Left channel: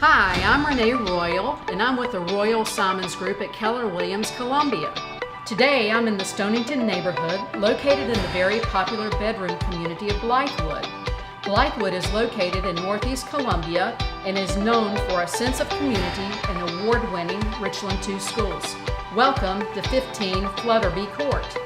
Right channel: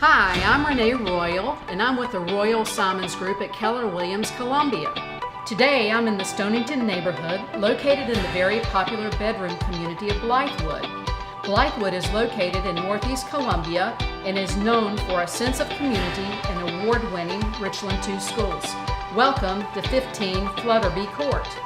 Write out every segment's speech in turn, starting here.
Hi, I'm Renee Royal, and I'm with the Royal Simons Group at Keller Williams, Columbia. Today, I'm in the Stonington neighborhood, located in the very popular bedroom community of Blythewood. Blythewood is located in Northeast Columbia and is known for a sense of community and award-winning Richland II schools. Welcome to 15 Flutterby Court.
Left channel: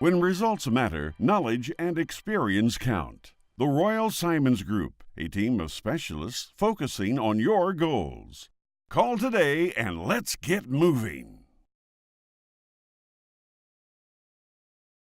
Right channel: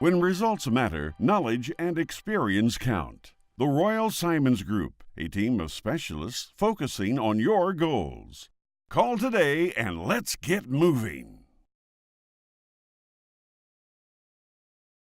When results matter, knowledge and experience count. The Royal Simons Group, a team of specialists focusing on your goals. Call today and let's get moving.